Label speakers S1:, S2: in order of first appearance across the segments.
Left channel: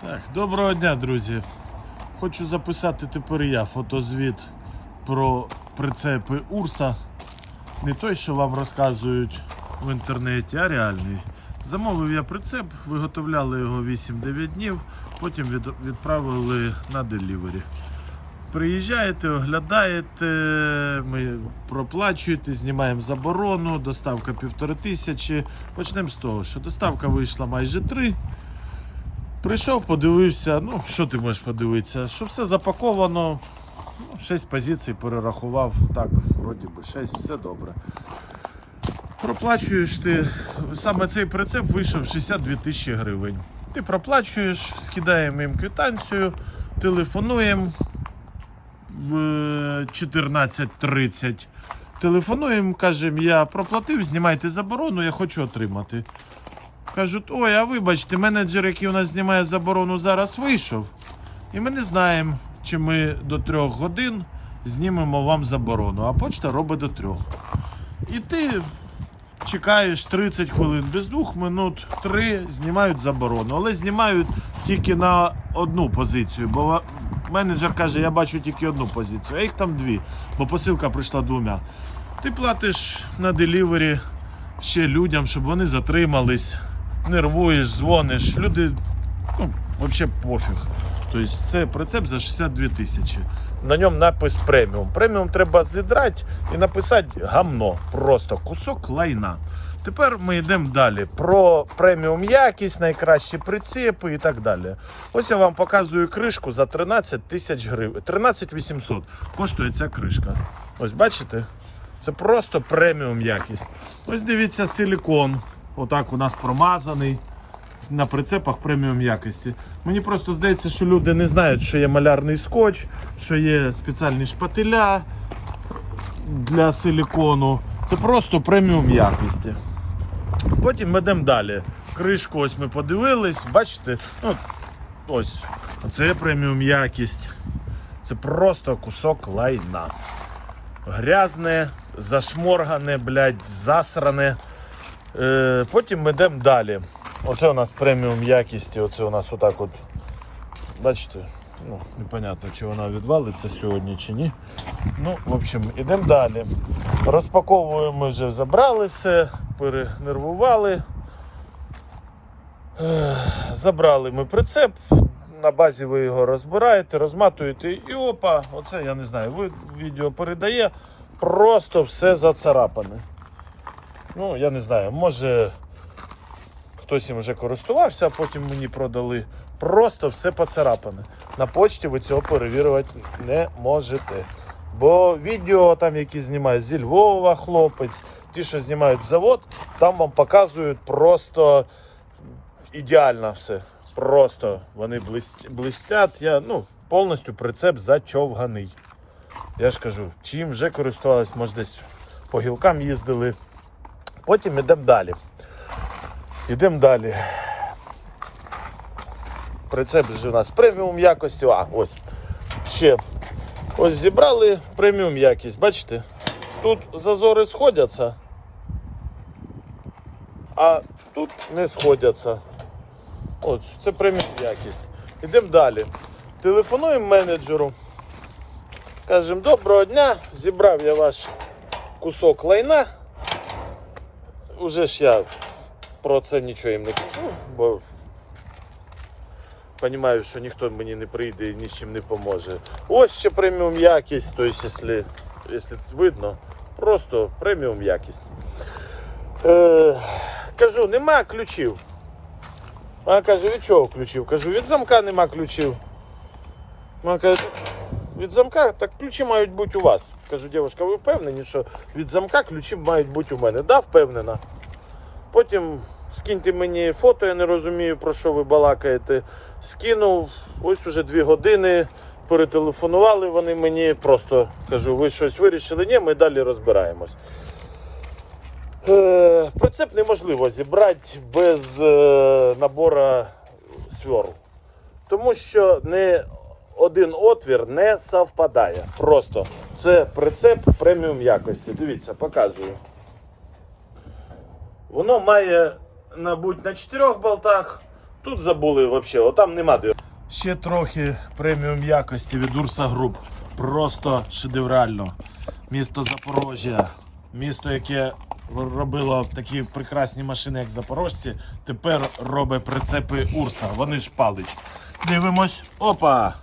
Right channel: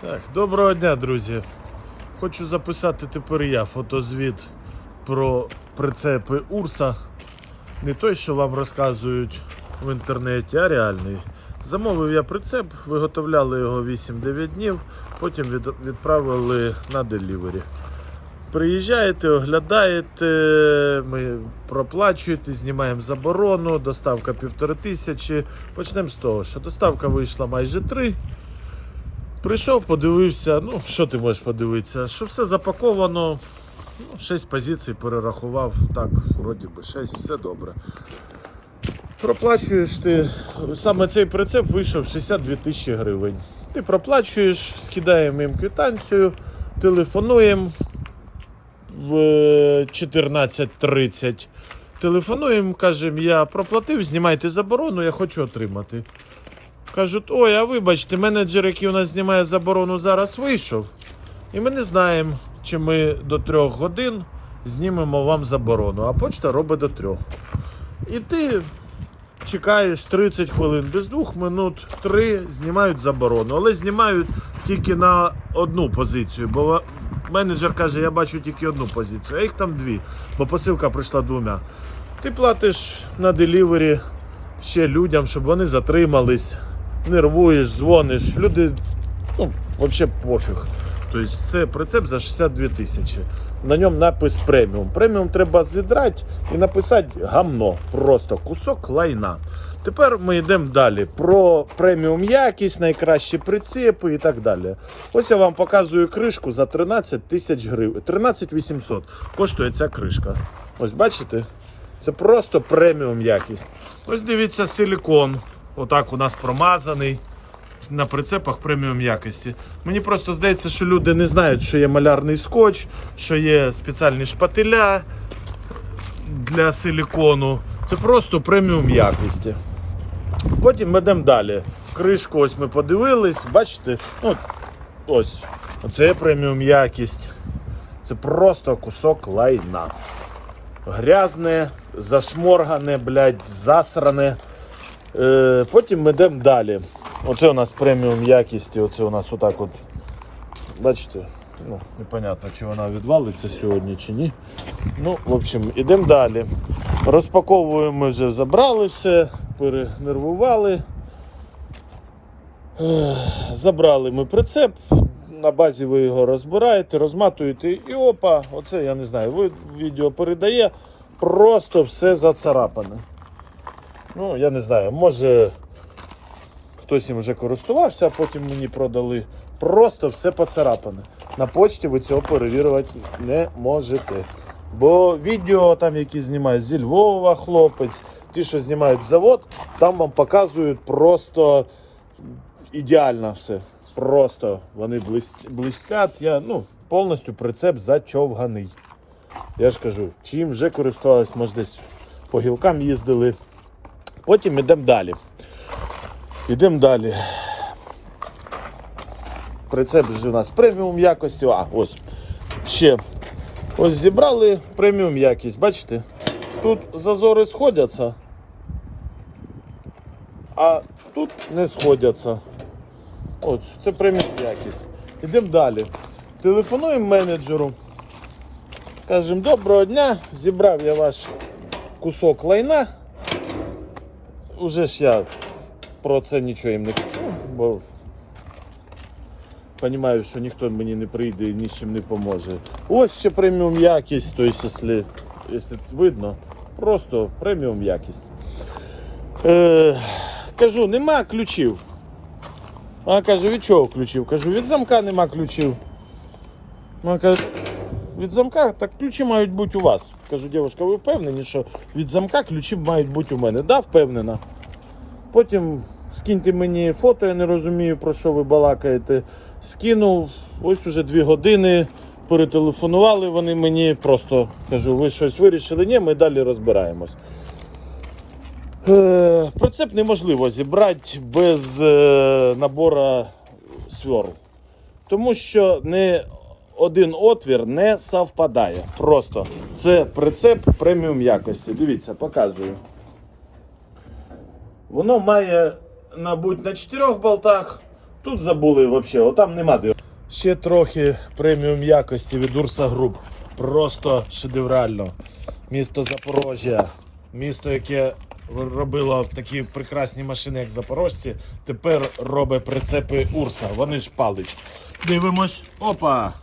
S1: Так, доброго дня, друзі. Хочу записати тепер я фотозвіт про прицепи Урса. Не той, що вам розказують в інтернеті, а реальний. Замовив я прицеп, виготовляли його 8-9 днів, потім відправили на делівері. Приїжджаєте, оглядаєте, ми проплачуєте, знімаємо заборону, доставка півтори тисячі. Почнемо з того, що доставка вийшла майже 3. Прийшов, подивився, ну що ти можеш подивитися, що все запаковано, ну, 6 позицій перерахував, так, вроді би, 6, все добре. Проплачуєш ти, саме цей прицеп вийшов 62 тисячі гривень. Ти проплачуєш, скидаємо їм квитанцію, телефонуємо в 14.30. Телефонуємо, кажемо, я проплатив, знімайте заборону, я хочу отримати. Кажуть, ой, а вибачте, менеджер, який у нас знімає заборону, зараз вийшов. І ми не знаємо, чи ми до трьох годин знімемо вам заборону, а почта робить до трьох. І ти чекаєш 30 хвилин, без двох минут, три знімають заборону. Але знімають тільки на одну позицію, бо менеджер каже, я бачу тільки одну позицію, а їх там дві, бо посилка прийшла двома. Ти платиш на делівері ще людям, щоб вони затримались, нервуєш, дзвониш. Люди, ну, взагалі пофіг. Тобто це прицеп за 62 тисячі. На ньому напис преміум. Преміум треба зідрати і написати гамно. Просто кусок лайна. Тепер ми йдемо далі. Про преміум якість, найкращі прицепи і так далі. Ось я вам показую кришку за 13 тисяч гривень. 13 800 коштує ця кришка. Ось бачите? Це просто преміум якість. Ось дивіться силікон. Отак у нас промазаний. На прицепах преміум якості. Мені просто здається, що люди не знають, що є малярний скотч, що є спеціальні шпателя для силікону. Це просто преміум якості. Потім ми йдемо далі. Кришку ось ми подивились, бачите? Ну, ось. Оце преміум якість. Це просто кусок лайна грязне, зашморгане, блядь, засране. Е, потім ми йдемо далі. Оце у нас преміум якісті, оце у нас отак от. Бачите, ну, непонятно, чи вона відвалиться сьогодні чи ні. Ну, в общем, ідемо далі. Розпаковуємо, ми вже забрали все, перенервували. Забрали ми прицеп. На базі ви його розбираєте, розматуєте і опа, оце я не знаю, ви відео передає, просто все зацарапане. Ну, я не знаю, може хтось їм вже користувався, а потім мені продали. Просто все поцарапане. На почті ви цього перевірити не можете. Бо відео, там, які знімають зі Львова хлопець, ті, що знімають завод, там вам показують просто ідеально все. Просто вони блистять. Я ну, повністю прицеп зачовганий. Я ж кажу, чим вже користувалась, може десь по гілкам їздили. Потім йдемо далі. Йдемо далі. Прицеп у нас преміум якості. А, ось ще. Ось зібрали преміум якість. Бачите? Тут зазори сходяться, а тут не сходяться. От, це преміум якість. Йдемо далі. Телефонуємо менеджеру. Кажемо, доброго дня, зібрав я ваш кусок лайна. Уже ж я про це нічого їм не бо розумію, що ніхто мені не прийде і ні з чим не поможе. Ось ще преміум якість, тобто, якщо, якщо видно, просто преміум якість. Е, кажу, нема ключів. Вона каже, від чого ключів? Кажу, від замка нема ключів. Вона каже, від замка, так ключі мають бути у вас. Кажу, дівчинка, ви впевнені, що від замка ключі мають бути у мене? Да, впевнена. Потім скиньте мені фото, я не розумію, про що ви балакаєте. Скинув, ось уже дві години. Перетелефонували вони мені, просто кажу, ви щось вирішили? Ні, ми далі розбираємось. Е, Прицеп неможливо зібрати без е, набору сверл. Тому що не один отвір не совпадає. Просто це прицеп преміум якості. Дивіться, показую. Воно має, мабуть, на чотирьох болтах Тут забули взагалі, там нема де. Ще трохи преміум якості від Урса Груп. Просто шедеврально. Місто Запорожжя. Місто, яке робило такі прекрасні машини, як запорожці, тепер робить прицепи Урса. Вони ж палить. Дивимось. Опа!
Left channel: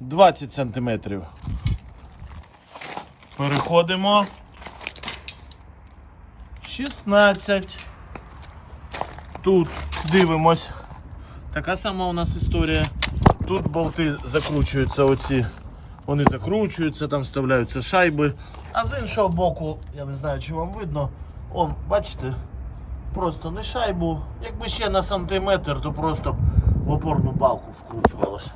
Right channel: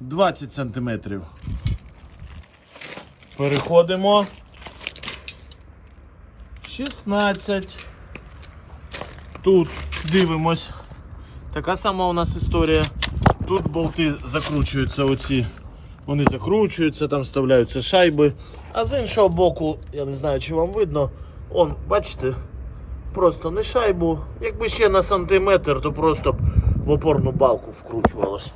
S1: 20 сантиметрів. Переходимо. 16. Тут дивимось. Така сама у нас історія. Тут болти закручуються оці. Вони закручуються, там вставляються шайби. А з іншого боку, я не знаю, чи вам видно. Он, бачите, просто не шайбу. Якби ще на сантиметр, то просто б в опорну балку вкручувалось.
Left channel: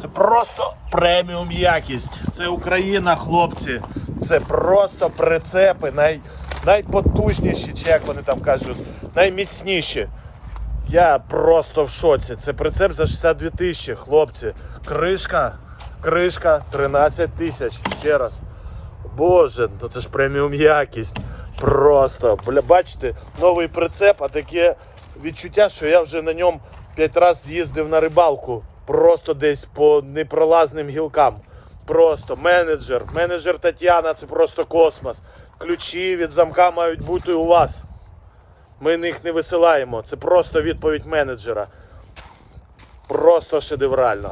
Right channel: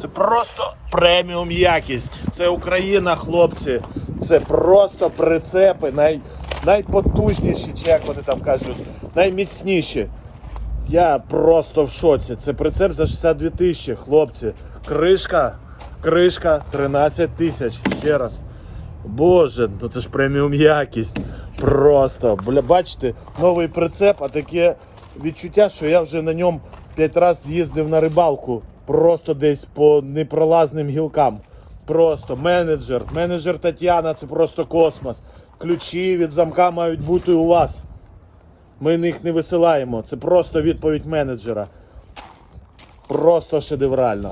S1: Це просто преміум якість. Це Україна, хлопці. Це просто прицепи, най, найпотужніші, чи як вони там кажуть, найміцніші. Я просто в шоці. Це прицеп за 62 тисячі, хлопці. Кришка, кришка 13 тисяч. Ще раз. Боже, ну це ж преміум якість. Просто. Бля, бачите, новий прицеп, а таке відчуття, що я вже на ньому 5 разів з'їздив на рибалку. Просто десь по непролазним гілкам. Просто менеджер, менеджер Тетяна, це просто космос. Ключі від замка мають бути у вас. Ми їх не висилаємо. Це просто відповідь менеджера. Просто шедеврально.